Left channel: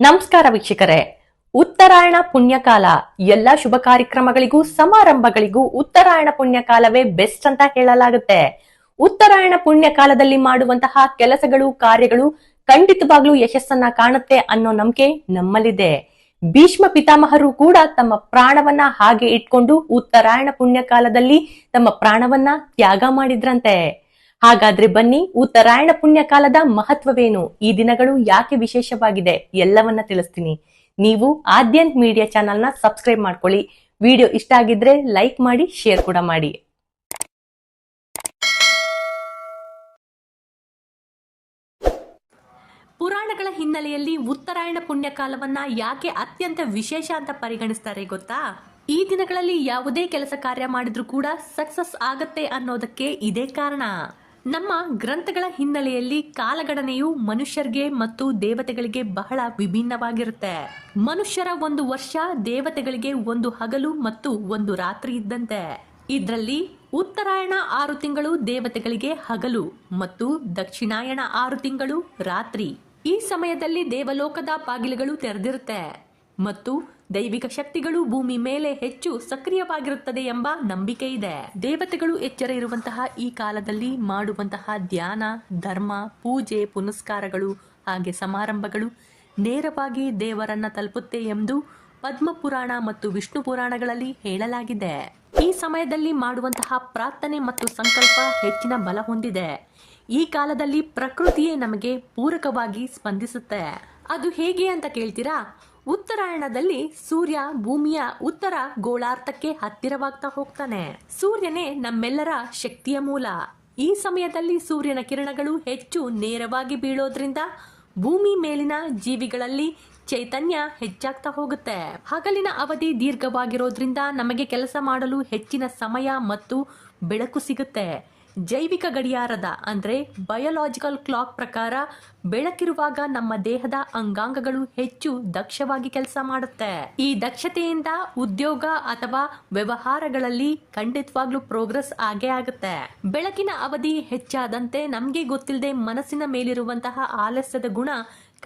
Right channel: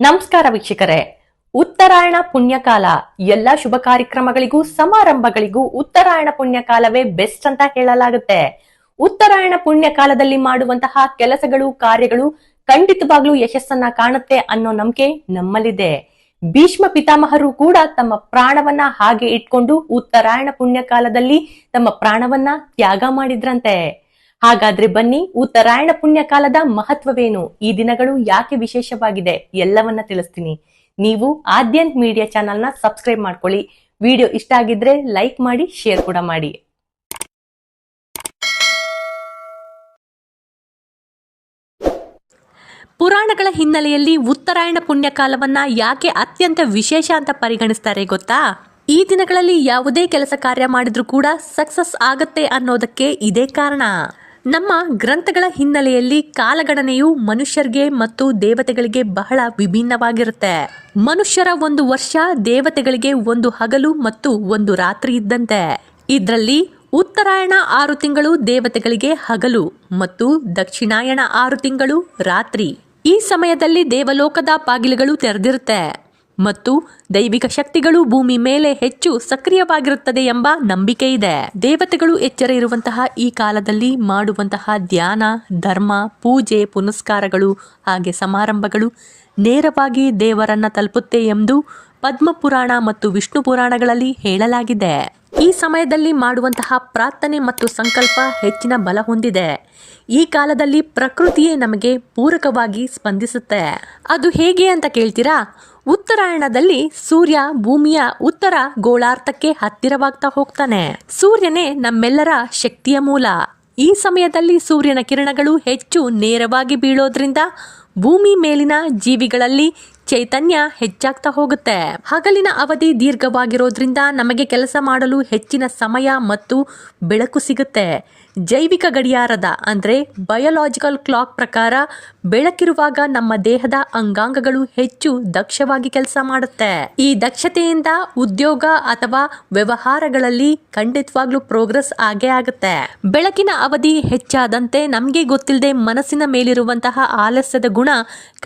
ನಮಸ್ಕಾರ ವೀಕ್ಷಕರೇ. ಉತ್ತರಾಯಣ ಪುಣ್ಯಕಾಲ ಎಲ್ಲ ಶುಭ ಕಾರ್ಯಕ್ರಮಗಳಿಗೂ ಸಮಾರಂಭಗಳಿಗೂ ಉತ್ತರಾಯಣ ಪುಣ್ಯಕಾಲವೇ ಬೆಸ್ಟ್ ಅಂತ ಹೇಳಲಾಗುತ್ತೆ. ಉತ್ತರಾಯಣ ಪುಣ್ಯಕಾಲದಲ್ಲಿ ಮಾಡುವಂತಹ ಕೆಲಸಗಳು ಕಾರ್ಯಗಳು ಖಂಡಿತವಾಗ್ಲೂ ಯಶಸ್ಸನ್ನ ಕಾಣುತ್ತೆ ಅನ್ನೋ ನಂಬಿಕೆ ನಮ್ಮಲ್ಲಿದೆ. ಭೀಷ್ಮ ಪಿತಾಮಹರು ಕೂಡ ತಮ್ಮ ಪ್ರಾಣವನ್ನ ಹಾಗೆ ಇಟ್ಕೊಂಡು ಉತ್ತರಾಯಣ ಪುಣ್ಯಕಾಲದಲ್ಲಿ ತಮ್ಮ ಪ್ರಾಣವನ್ನ ತ್ಯಾಗ ಮಾಡಿದ್ರಂತೆ. ಹಾಗಾದ್ರೆ ಬನ್ನಿ, ಉತ್ತರಾಯಣ ಪುಣ್ಯಕಾಲದ ಮಹತ್ವವೇನು, ಈ ದಿನಗಳು ಯಾಕೆ ವಿಶೇಷವಾಗಿದೆ ಎಲ್ಲವನ್ನ ತಿಳಿಸ್ತೀನಿ. ನೀವು ಆದ್ಯಂತ್ ಮೀಡಿಯಾ ಚಾನೆಲ್ನ ಸಬ್ಸ್ಕ್ರೈಬ್ ಮಾಡ್ಕೊಳ್ಳಿ. ವಿಡಿಯೋ ಇಷ್ಟ ಆಗಿದ್ರೆ ಲೈಕ್ ಮಾಡಿ, ಶೇರ್ ಕೂಡ ಮಾಡಿ. ಪುರಾಣಗಳ ಹಿನ್ನೆಲೆಯಲ್ಲಿ ಉತ್ತರಾಯಣ ಪುಣ್ಯಕಾಲವನ್ನ ಯಾಕೆ ಅತ್ಯಂತ ವಿಶೇಷ ಅಂತ ಪರಿಗಣಿಸ್ತಾರೆ ಗೊತ್ತಾ? ಈ ದಿನಗಳಲ್ಲಿ ಯಾವುದೇ ಕೆಲಸ ಕಾರ್ಯ ಮಾಡಿದ್ರೂ ಕೂಡ ಸಕ್ಸಸ್ ಆಗತ್ತೆ ಅನ್ನೋದಕ್ಕೆ ಇದೇ ಕಾರಣ. ನಮ್ಮ ಗ್ರಂಥಗಳ ಹಿನ್ನೆಲೆಯಲ್ಲಿ ಕಾಲಗಣನೆಯು ಮನುಷ್ಯರಿಗೆ ಮತ್ತು ದೇವತೆಗಳಿಗೆ ಬಹಳ ವಿಭಿನ್ನವಾಗಿರುತ್ತೆ. ಮನುಷ್ಯರ ಒಂದು ವರ್ಷ, ದೇವತೆಗಳಿಗೆ ಒಂದು ಹಗಲು ಮತ್ತು ಒಂದು ರಾತ್ರಿ ಇದ್ದಂತೆ. ಇದರಲ್ಲಿ ಉತ್ತರಾಯಣ 6 ತಿಂಗಳು ದೇವತೆಗಳಿಗೆ ಹಗಲು ಮತ್ತು ದಕ್ಷಿಣಾಯಣ 6 ತಿಂಗಳು ರಾತ್ರಿ. ಈ ಸಮಯದಲ್ಲಿ ದೇವಲೋಕದ ಬಾಗಿಲುಗಳು ತೆರೆದಿರುತ್ತೆ ಮತ್ತು ದೈವಿಕ ಶಕ್ತಿಗಳು ಭೂಮಿ ಮೇಲೆ ಹೆಚ್ಚು ಸಕ್ರಿಯವಾಗಿರುತ್ತದೆ ಎಂಬ ನಂಬಿಕೆ ಇದೆ. ದೇವತೆಗಳು ಎಚ್ಚರ ಇರುವಂತಹ ಈ ಕಾಲದಲ್ಲಿ ಮಾಡುವಂತಹ ಧ್ಯಾನ, ಧರ್ಮ, ಪೂಜೆ, ಪುನಸ್ಕಾರಗಳು ಹಾಗೆ ಸಮಾರಂಭಗಳು ನೇರವಾಗಿ ದೇವರನ್ನ ತಲುಪುತ್ತೆ ಎಂದು ಪದ್ಮಪುರಾಣ ಮತ್ತು ವಿಷ್ಣು ಪುರಾಣಗಳಲ್ಲಿ ಹೇಳಲಾಗಿದೆ. ಈ ಸಮಯದಲ್ಲಿ ಮಾಡುವಂತಹ ಪ್ರಾರ್ಥನೆ ಮತ್ತು ಸಂಕಲ್ಪ ಹೆಚ್ಚಿನ ಬಲ ಹೊಂದಿದೆ. ಈ ಕಾಲದಲ್ಲಿ ಪ್ರಕೃತಿಯೇ ನಮಗೆ ಪೂರಕವಾಗಿ ಸ್ಪಂದಿಸುತ್ತೆ. ಅದು ಹೇಗೆ ಅಂತ ಕೇಳ್ತೀರಾ? ಉತ್ತರಾಯಣದಲ್ಲಿ ಸೂರ್ಯ ಭೂಮಿಯ ಉತ್ತರ ಗೋಳಾರ್ಧಕ್ಕೆ ಹತ್ತಿರವಾಗ್ತಾ ಹೋಗ್ತಾನೆ. ಸೂರ್ಯನೇ ನಮ್ಮೆಲ್ಲರ ಶಕ್ತಿಯ ಮೂಲ. ಈ ಸಮಯದಲ್ಲಿ ಸೂರ್ಯನ ಕಿರಣಗಳು ಹೆಚ್ಚು ನೇರವಾಗಿ ಬೀಳೋದ್ರಿಂದ ಭೂಮಿ ಮೇಲಿನ ಜೀವಿಗಳಲ್ಲಿ ಚೈತನ್ಯ ಹೆಚ್ಚಾಗ್ತಾ ಹೋಗುತ್ತೆ. ಹಗಲಿನ ಅವಧಿ ದೀರ್ಘವಾಗಿರೋದ್ರಿಂದ ನಮಗೆ ಕೆಲಸ ಮಾಡಲು ಹೆಚ್ಚಿನ ಸಮಯ ಮತ್ತು ಬೆಳಕು ಸಿಗುತ್ತೆ. ಜೈವಿಕ ಗಡಿಯಾರದ ಅಂದರೆ ಬಯೋಲಾಜಿಕಲ್ ಕ್ಲಾಕ್ ಪ್ರಕಾರ ಬೆಳಕಿರುವಾಗ ನಮ್ಮ ದೇಹದ ಅಂಗಾಂಗಗಳು ಹೆಚ್ಚು ದಕ್ಷವಾಗಿ ಕೆಲಸ ಮಾಡುತ್ತೆ. ಈ ದಕ್ಷತೆಯಿಂದ ಉದ್ಯೋಗ ಅಥವಾ ವ್ಯವಹಾರಗಳಲ್ಲಿ ಖಂಡಿತವಾಗ್ಲೂ ಪ್ರೋಗ್ರೆಸ್ ಆಗೇ ಆಗುತ್ತೆ. ಬೆಳಕಿನ ಅವಧಿ ಹೆಚ್ಚಾದಂತೆ ನಮಗೆ ಗೊತ್ತಿಲ್ಲದೆ ಮನಸ್ಸಿನ ಮೇಲಿರುವಂತಹ ಆಲಸ್ಯದ ಗುಣ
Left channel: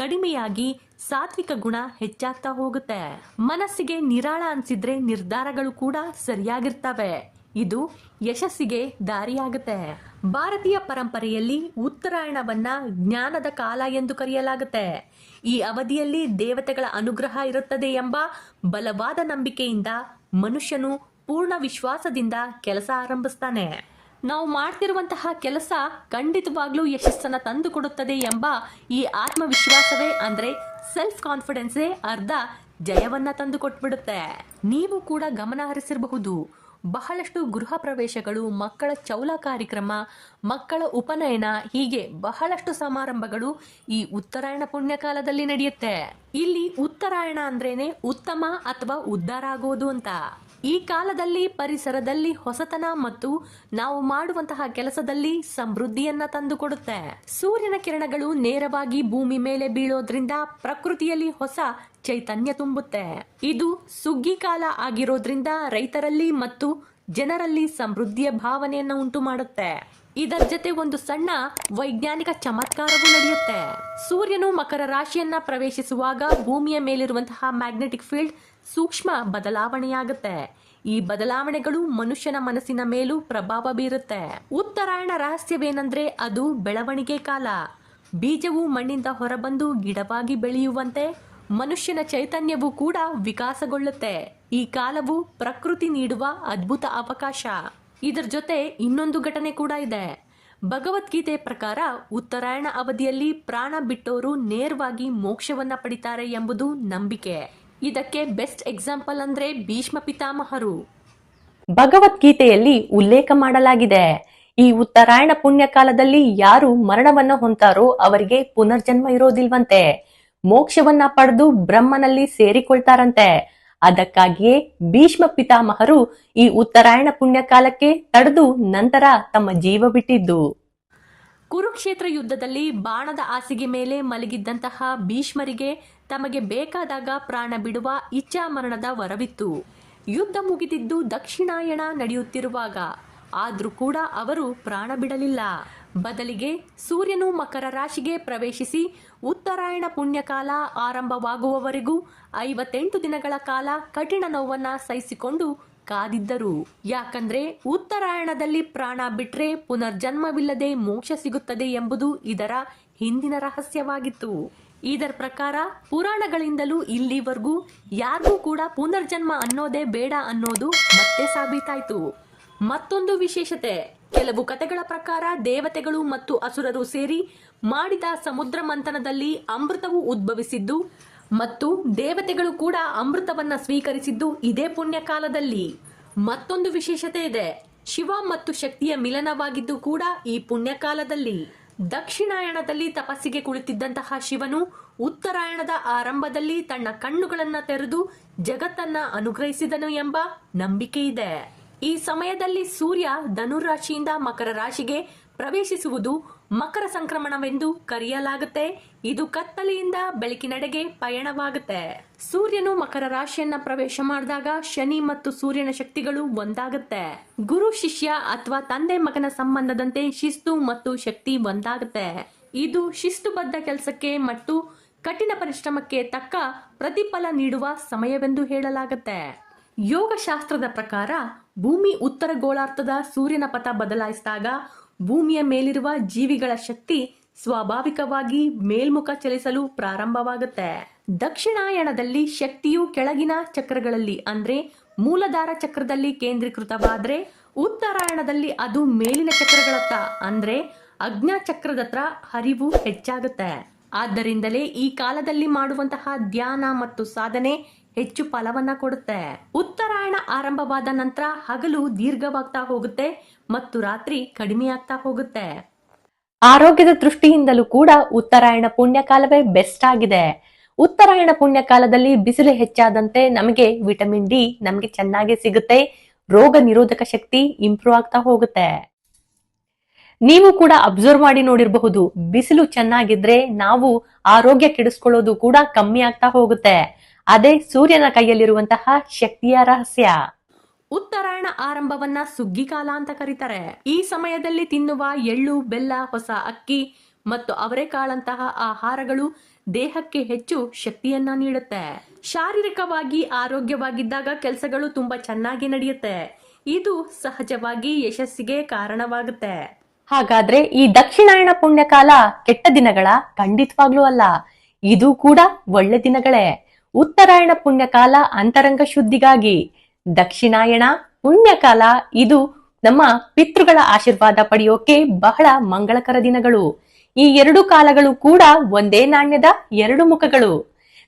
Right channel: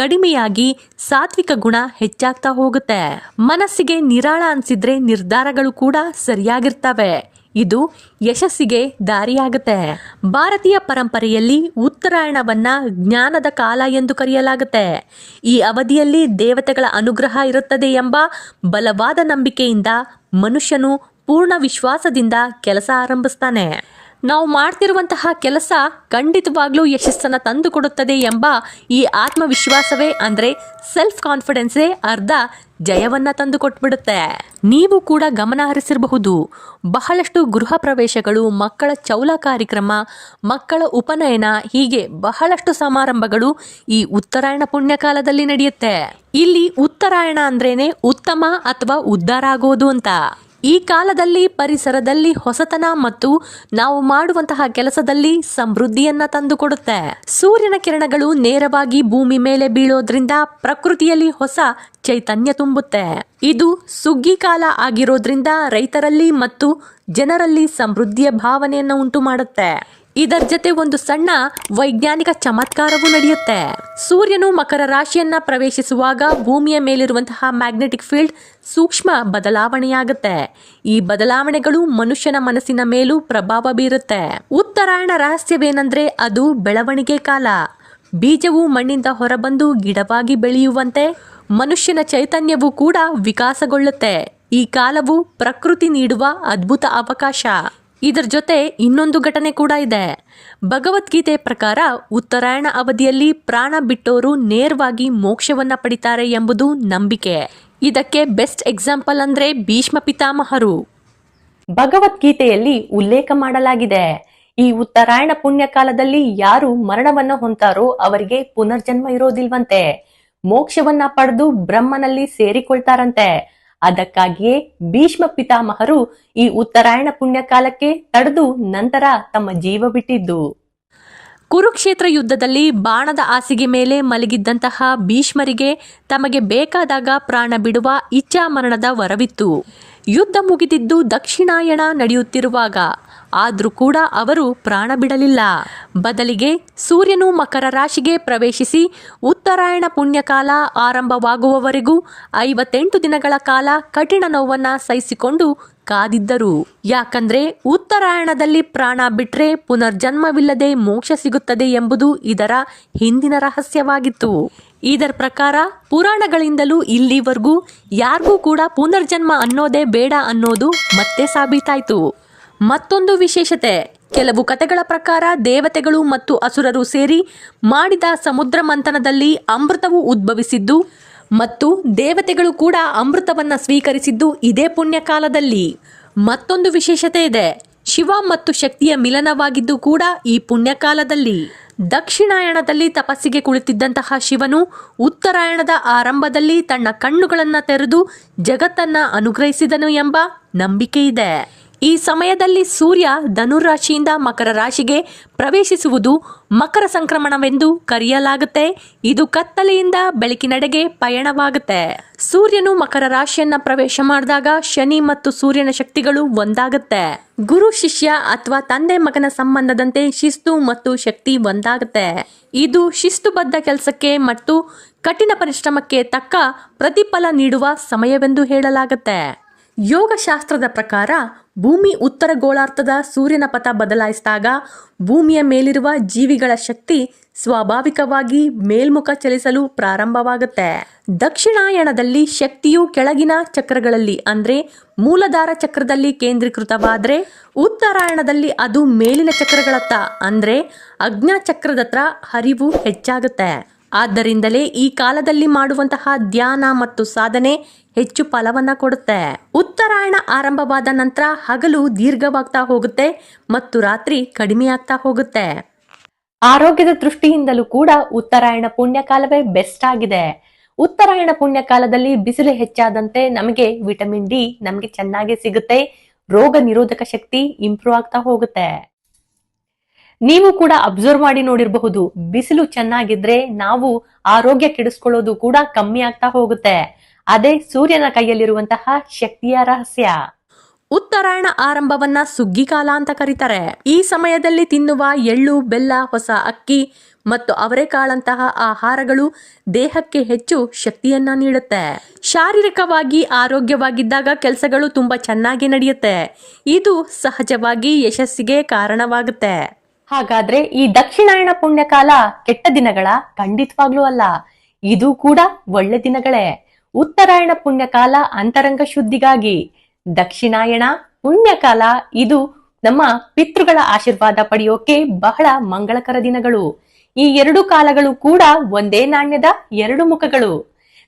ಕಡಿಮೆಯಾಗಿ ಸಾತ್ವಿಕ ಗುಣ ಹೆಚ್ಚಾಗ್ತಾ ಹೋಗುತ್ತೆ. ಮನಸ್ಸಿಗೆ ನಿರಾಳ ಅನ್ಸಿದ್ರೆ ನಿರ್ಧಾರಗಳು ಕೂಡ ಸರಿಯಾಗಿರ್ತವೆ. ಇದು ಯಶಸ್ಸಿಗೆ ದಾರಿಯಾಗುತ್ತೆ. ಭಾರತೀಯ ಪರಂಪರೆಯಲ್ಲಿ ಉತ್ತರಾಯಣವನ್ನ ಜ್ಞಾನದ ಕಾಲ ಎಂದು ಕರೆಯಲಾಗುತ್ತೆ. ಈ ಅವಧಿಯಲ್ಲಿ ದೇವತೆಗಳ ಅನುಗ್ರಹ ಇರುತ್ತದೆ ಎಂಬ ಬಲವಾದ ನಂಬಿಕೆಯಿಂದ ಮನುಷ್ಯನು ಪೂರ್ಣ ವಿಶ್ವಾಸದಿಂದ ಕೆಲಸ ಆರಂಭಿಸ್ತಾನೆ. ನಾವು ಮಾಡ್ತಿರುವಂತಹ ಕೆಲಸ ಖಂಡಿತವಾಗ್ಲೂ ಯಶಸ್ಸನ್ನು ತಂದು ಕೊಡುತ್ತದೆ ಎಂಬ ಈ ಆತ್ಮವಿಶ್ವಾಸವೇ ಅಂದರೆ ಸೆಲ್ಫ್ ಕಾನ್ಫಿಡೆನ್ಸೇ ಅರ್ಧ ಜಯವನ್ನ ತಂದು ಕೊಟ್ಬಿಡುತ್ತೆ. ನೀವು ಕೂಡ ಗಮನ ಹರಿಸಿರಬಹುದು, ಬಹಳಷ್ಟು ಗೃಹ ಪ್ರವೇಶಗಳು, ಮಕ್ಕಳ ಚೌಲ ಕಾರ್ಯಕ್ರಮ, ಮಕ್ಕಳ ಉಪನಯನ, ಹೀಗೆ ಬಹಳಷ್ಟು ಸಮಾರಂಭಗಳು ಈ ಉತ್ತರಾಯಣ ಪುಣ್ಯಕಾಲದಲ್ಲಿ ನಡೆಯುತ್ತೆ. ಇಲ್ಲಿ ಉತ್ತರಾಯಣ ಅಂದ್ರೇನೆ ಉತ್ತಮ ಅಥವಾ ಉದ್ಧಾರ ಆಗೋದು ಅಂತ. ಈ ಕಾಲದಲ್ಲಿ ಪರಿಸರದಲ್ಲಿ ಹೊಸತನ ಮತ್ತು ನಾವು ಮಾಡುವಂತಹ ಕೆಲಸದಲ್ಲಿ ಸಮೃದ್ಧಿಯನ್ನ ತಂದುಕೊಡುತ್ತೆ. ಸೂರ್ಯನ ಕಿರಣಗಳು ನೇರವಾಗಿ ಭೂಮಿ ಮೇಲೆ ಬೀಳೋದ್ರಿಂದ ಪ್ರಕೃತಿಯಲ್ಲಿ ಹೊಸ ಚೈತನ್ಯ ತುಂಬುತ್ತೆ. ಇದು ಸುಗ್ಗಿ ಕಾಲ ಆಗಿರೋದ್ರಿಂದ ರೈತರಲ್ಲಿ ಮತ್ತು ಜನರಲ್ಲಿ ಸಮೃದ್ಧಿಯ ಭಾವನೆಯನ್ನು ಉಂಟು ಮಾಡುತ್ತೆ. ಇದರ ಜೊತೆ ಒಂದು ಸಣ್ಣ ವೈಜ್ಞಾನಿಕ ಚಮತ್ಕಾರವೂ ನಡೆಯುತ್ತೆ. ಸೂರ್ಯನು ಮಕರ ರಾಶಿಯನ್ನ ಪ್ರವೇಶಿಸುವಾಗ ಭೂಮಿಯ ಮೇಲಿರುವಂತಹ ಮ್ಯಾಗ್ನೆಟಿಕ್ ಫೀಲ್ಡ್ ಸೂಕ್ಷ್ಮ ಬದಲಾವಣೆಯಾಗುತ್ತೆ. ಈ ಬದಲಾವಣೆಗಳು ಮನುಷ್ಯನ ಮನಸ್ಸಿನ ಮೇಲೂ ಪ್ರಭಾವ ಬೀರುತ್ತೆ. ಉತ್ತರಾಯಣ ರಹಸ್ಯವೇನೆಂದ್ರೆ ಅದು ಬೆಳವಣಿಗೆ ಕಾಲ. ಬೀಜವು ಮಣ್ಣಿಂದ ಹೊರಬಂದು ಗಿಡವಾಗಿ ಬೆಳೆಯುವಂತೆ ಮನುಷ್ಯನ ಚೈತನ್ಯವೂ ಕೂಡ ವಿಕಾಸಗೊಳ್ಳುತ್ತೆ. ಈ ಕಾಲವು ಪ್ರಕೃತಿ ನೀಡುವ ಅದ್ಭುತ ಅವಕಾಶ. ಇದರ ಜೊತೆ ಇನ್ನೊಂದು ಘಟನೆ ಕೂಡ ಇದೆ. ಭಗವದ್ಗೀತೆ ಪ್ರಕಾರ ಉತ್ತರಾಯಣ ಅವಧಿಯಲ್ಲಿ ಪ್ರಾಣ ಬಿಟ್ಟೋರು ನೇರವಾಗಿ ಮೋಕ್ಷವನ್ನ ಪಡಿತಾರೆ ಎಂಬುದು ನಂಬಿಕೆ. ಇದಕ್ಕೆ ಬೆಸ್ಟ್ ಎಕ್ಸಾಂಪಲ್ ಅಂದ್ರೆ ಭೀಷ್ಮ ಪಿತಾಮಹರು. ಭಗವದ್ಗೀತೆಯಲ್ಲಿ ಉಲ್ಲೇಖ ಮಾಡಲಾಗಿದೆ, ಈ ಉತ್ತರಾಯಣ ಪುಣ್ಯಕಾಲದಲ್ಲಿ ಯಾರು ಮರಣವನ್ನ ಹೊಂತಾರೋ ಅವರಿಗೆ ಪುನರ್ಜನ್ಮ ಇರೋದಿಲ್ವಂತೆ. ಮೋಕ್ಷವನ್ನ ಪಡೆದು ಬ್ರಹ್ಮನಲ್ಲಿ ಸೇರಿಕೊಳ್ತಾರಂತೆ. ಅದಕ್ಕಾಗಿಯೇ ಭೀಷ್ಮ ಪಿತಾಮಹರು ಈ ಉತ್ತರಾಯಣ ಪುಣ್ಯಕಾಲಕ್ಕೆ ತಡೆದು ನಂತರ ತಮ್ಮ ಜೀವ ಬಿಟ್ಟಿದ್ದು. ಕುರುಕ್ಷೇತ್ರ ಯುದ್ಧದಲ್ಲಿ ಬಾಣದ ಹಾಸಿಗೆ ಮೇಲೆ ಮಲಗಿದ್ದಂತಹ ಭೀಷ್ಮರಿಗೆ ತಮಗೆ ಬೇಕಾದಾಗ ಪ್ರಾಣ ಬಿಡುವ ಇಚ್ಛಾ ಮರಣದ ವರವಿತ್ತು. ಯುದ್ಧ ಮುಗಿದಿದ್ದು ದಕ್ಷಿಣಾಯಣ ನಡೆಯುತ್ತಿರುವಾಗ. ಆದರೂ ಕೂಡ ಅವರು ಪ್ರಾಣ ಬಿಡಲಿಲ್ಲ. ಬದಲಿಗೆ ಸೂರ್ಯನು ಮಕರ ರಾಶಿಗೆ ಪ್ರವೇಶಿಸಿ ಉತ್ತರಾಯಣ ಪುಣ್ಯಕಾಲ ಆರಂಭವಾಗುವವರೆಗೂ 58 ದಿನಗಳ ಕಾಲ ಕಠಿಣ ನೋವನ್ನ ಸಹಿಸಿಕೊಂಡು ಕಾದಿದ್ದರು. ಯಾಕಂದ್ರೆ ಉತ್ತರಾಯಣದಲ್ಲಿ ಪ್ರಾಣ ಬಿಟ್ರೆ ಪುನರ್ಜನ್ಮವಿಲ್ಲದೆ ಮೋಕ್ಷ ಸಿಗುತ್ತದೆ ಎಂಬುದು ಇದರ ಹಿಂದಿನ ರಹಸ್ಯವಾಗಿತ್ತು. ಇದರ ಪ್ರಕಾರ ಪುರಾಣಗಳಿಂದಲೂ ಇಲ್ಲಿವರೆಗೂ ಯಾರಿಗೂ ಕೂಡ ಪುನರ್ಜನ್ಮ ಅನ್ನೋದೇ ಬೇಡ ಅನ್ನೋದು ಮತ್ತೆ ಸಾಬೀತಾಯಿತು. ಮತ್ತೊಂದು ವಿಶೇಷತೆ, ಕೆಲವು ಕಥೆಗಳ ಪ್ರಕಾರ ದೇವತೆಗಳು ಮತ್ತು ಅಸುರರು ಸೇರಿ ಮಾಡಿದ ಸಮುದ್ರ ಮಂಥನದಲ್ಲಿ ಅಮೃತವು ಉದ್ಭವಿಸಿದ್ದು ಮತ್ತು ದೇವತೆಗಳು ಕೂಡ ಅಮೃತವನ್ನ ಸ್ವೀಕರಿಸಿದ್ದು ಇದೇ ಪುಣ್ಯಕಾಲದಲ್ಲಿ. ಮತ್ತೊಂದು ವಿಶೇಷತೆ ಇದೆ, ಶಿವ ಮತ್ತು ಶಕ್ತಿಯ ಮಿಲನವಾಗಿದ್ದು ಕೂಡ ಈ ಪುಣ್ಯಕಾಲದಲ್ಲಿ. ದಕ್ಷಿಣಾಯಣದಲ್ಲಿ ತಪಸ್ಸಿಗೆ ಕುಳಿತಿದ್ದಂತಹ ಶಿವನು ಉತ್ತರಾಯಣದ ಆರಂಭದಲ್ಲಿ ತನ್ನ ಕಣ್ಣುಗಳನ್ನು ತೆರೆದು ಜಗತ್ತನ್ನ ಅನುಗ್ರಹಿಸಿದನು ಎಂಬ ನಂಬಿಕೆ ಇದೆ. ಈ ಸಮಯದಲ್ಲಿ ಸೂರ್ಯ ಧನುರಾಶಿಯಿಂದ ಮಕರ ರಾಶಿಗೆ ಪ್ರವೇಶಿಸುವುದು ಮಕರ ಸಂಕ್ರಮಣವೆಂದು ಕರೆಯಲಾಗುತ್ತೆ. ಇದು ಕತ್ತಲೆಯಿಂದ ಬೆಳಕಿನೆಡೆಗೆ ಪಯಣವಾಗುತ್ತೆ. ಸೂರ್ಯನು ಮಕರ ರಾಶಿಯನ್ನ ಪ್ರವೇಶ ಮಾಡಿದಾಗ ಶನಿ ಮತ್ತು ಸೂರ್ಯನ ಶಕ್ತಿಗಳು ಒಂದಾಗುತ್ತೆ. ಗುರು ಶಿಷ್ಯ ಅಥವಾ ತಂದೆ ಮಗನ ಸಂಬಂಧದಂತೆ ಶಿಸ್ತು ಮತ್ತು ಶಕ್ತಿ ಒಂದಾಗುತ್ತೆ. ಇದು ಶಿಸ್ತುಬದ್ಧ ಕೆಲಸಕ್ಕೆ ಮತ್ತು ಕಠಿಣ ಪರಿಶ್ರಮಕ್ಕೆ ತಕ್ಕ ಪ್ರತಿಫಲ ನೀಡುವ ಸಮಯವೆಂದು ಹೇಳಲಾಗುತ್ತೆ. ಯೋಗಶಾಸ್ತ್ರದ ಪ್ರಕಾರ ಭೂಮಿ ಉತ್ತರ ಗೋಳಾರ್ಧದ ಸೂರ್ಯನ ಪಥ ಬದಲಾಯಿಸಿದಾಗ ಭೂಮಿಯ ಮೇಲಿರುವ ಜೀವಿಗಳ ಶಕ್ತಿ ಸ್ವಾಭಾವಿಕವಾಗಿ ಮೇಲ್ಮುಖ ಚಲಿಸಲು ಪ್ರಾರಂಭವಾಗುತ್ತೆ. ದಕ್ಷಿಣಾಯಣದಲ್ಲಿ ಶಕ್ತಿಯು ಕೆಳಗಿನ ಚಕ್ರಗಳಲ್ಲಿ ಅಂದ್ರೆ ಮೂಲಾಧಾರ ಚಕ್ರದಲ್ಲಿ ಕೇಂದ್ರೀಕೃತವಾದರೆ, ಉತ್ತರಾಯಣದಲ್ಲಿ ಅದು ಮೇಲಿನ ಚಕ್ರಗಳತ್ತ ಅಂದ್ರೆ ಅಜ್ಞಾ ಚಕ್ರದತ್ರ ಹರಿವು ಹೆಚ್ಚಾಗುತ್ತೆ. ಆದ್ದರಿಂದಲೇ ಈ ಕಾಲದಲ್ಲಿ ಮಾಡುವಂತಹ ಧ್ಯಾನ ಮತ್ತು ಸಾಧನೆ ಹೆಚ್ಚು ಫಲವನ್ನ ಕೊಡುತ್ತೆ. ಉತ್ತರಾಯಣ ಆರಂಭವಾದ ನಂತರ ಹಗಲು ದೀರ್ಘವಾಗ್ತಾ ಹೋಗುತ್ತೆ ಮತ್ತು ರಾತ್ರಿ ಕಡಿಮೆ ಆಗ್ತಾ ಹೋಗುತ್ತೆ. ಆರೋಗ್ಯದ ದೃಷ್ಟಿಯಿಂದಲೂ ಕೂಡ ಉತ್ತರಾಯಣ ಪುಣ್ಯಕಾಲವೇ ಬೆಸ್ಟ್ ಆಗಿದೆ. ಉತ್ತರಾಯಣ ಪುಣ್ಯಕಾಲದಲ್ಲಿ ಬಿಸಿಲು ಹೆಚ್ಚಾದಂತೆ ನಮಗೆ ವಿಟಮಿನ್ ಡಿ ನಮಗೆ ಚೆನ್ನಾಗಿ ಸಿಗುತ್ತೆ. ರೋಗ ನಿರೋಧಕ ಶಕ್ತಿ ಇಂಪ್ರೂವ್ ಆಗ್ತಾ ಹೋಗುತ್ತೆ. ನೀವು ಕೂಡ ಅಬ್ಸರ್ವ್ ಮಾಡಿ ನೋಡಿರಬಹುದು, ಬಿಸಿಲು ಚೆನ್ನಾಗಿದ್ರೆ ನಾವು ಆರೋಗ್ಯ ಕೆಡಿಸ್ಕೊಳ್ಳೋದು ಕೂಡ ಕಮ್ಮಿ ಆಗ್ತಾ ಹೋಗುತ್ತೆ. ಅದೇ ಸೂರ್ಯನ ಕೈಯಲ್ಲಿರುವಂತಹ ಶಕ್ತಿಯ ರಹಸ್ಯ. ಉತ್ತರಾಯಣ ಆರಂಭವನ್ನ ಸುಗ್ಗಿ ಕಾಲ ಅಂತ ಕರೀತಾರೆ. ಈ ಸಮಯದಲ್ಲಿ ತಿನ್ನುವ ಎಳ್ಳು, ಬೆಲ್ಲ, ಹೊಸ ಅಕ್ಕಿ ಮತ್ತು ಅವರೆಕಾಳಂತಹ ಆಹಾರಗಳು ದೇಹಕ್ಕೆ ಹೆಚ್ಚು ಶಕ್ತಿಯನ್ನ ನೀಡುತ್ತೆ. ಶಾರೀರಿಕವಾಗಿ ಆರೋಗ್ಯವಾಗಿದ್ದಾಗ ಕೆಲಸಗಳು ತುಂಬಾ ಚೆನ್ನಾಗಿ ನಡೆಯುತ್ತೆ. ಇದು ಸಹಜವಾಗಿ ಯಶಸ್ಸಿಗೆ ಕಾರಣವಾಗುತ್ತೆ. ಹಾಗಾದ್ರೆ ಈ ದಕ್ಷಿಣಾಯಣ ಪುಣ್ಯಕಾಲ ಕೆಟ್ಟ ದಿನಗಳ? ಖಂಡಿತವಾಗ್ಲೂ ಅಲ್ಲ, ಇದು ಕೂಡ ಒಳ್ಳೆ ದಿನಗಳೇ. ಉತ್ತರಾಯಣ ಪುಣ್ಯಕಾಲ ಅಂತರಂಗ ಶುದ್ಧಿಗಾಗಿ, ದಕ್ಷಿಣಾಯಣ ಪುಣ್ಯಕಾಲ ಇದು ನಮ್ಮ ಪಿತೃಗಳ ಆಶೀರ್ವಾದ ಪಡೆಯೋಕೆ ಬಹಳ ಮಂಗಳಕರ ದಿನಗಳು. ಈ ಎರಡು ಕಾಲಗಳು ಕೂಡ ಒಂದೇ ನಾಣ್ಯದ ಎರಡು ಮುಖಗಳು.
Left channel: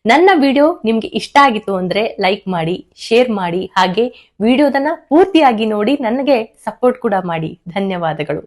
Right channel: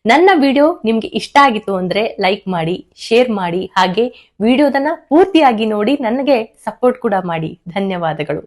ನನ್ನ ವಿಡಿಯೋ ನಿಮ್ಗೆ ಇಷ್ಟ ಆಗಿತ್ತು ಅಂದ್ರೆ ಲೈಕ್ ಮಾಡಿ, ಶೇರ್ ಮಾಡಿ, ಹಾಗೆ ವಿಡಿಯೋದನ್ನ ಪೂರ್ತಿಯಾಗಿ ನೋಡಿ ನನಗೆ ಸಪೋರ್ಟ್ ಕೂಡ ಮಾಡಿ. ಧನ್ಯವಾದಗಳು.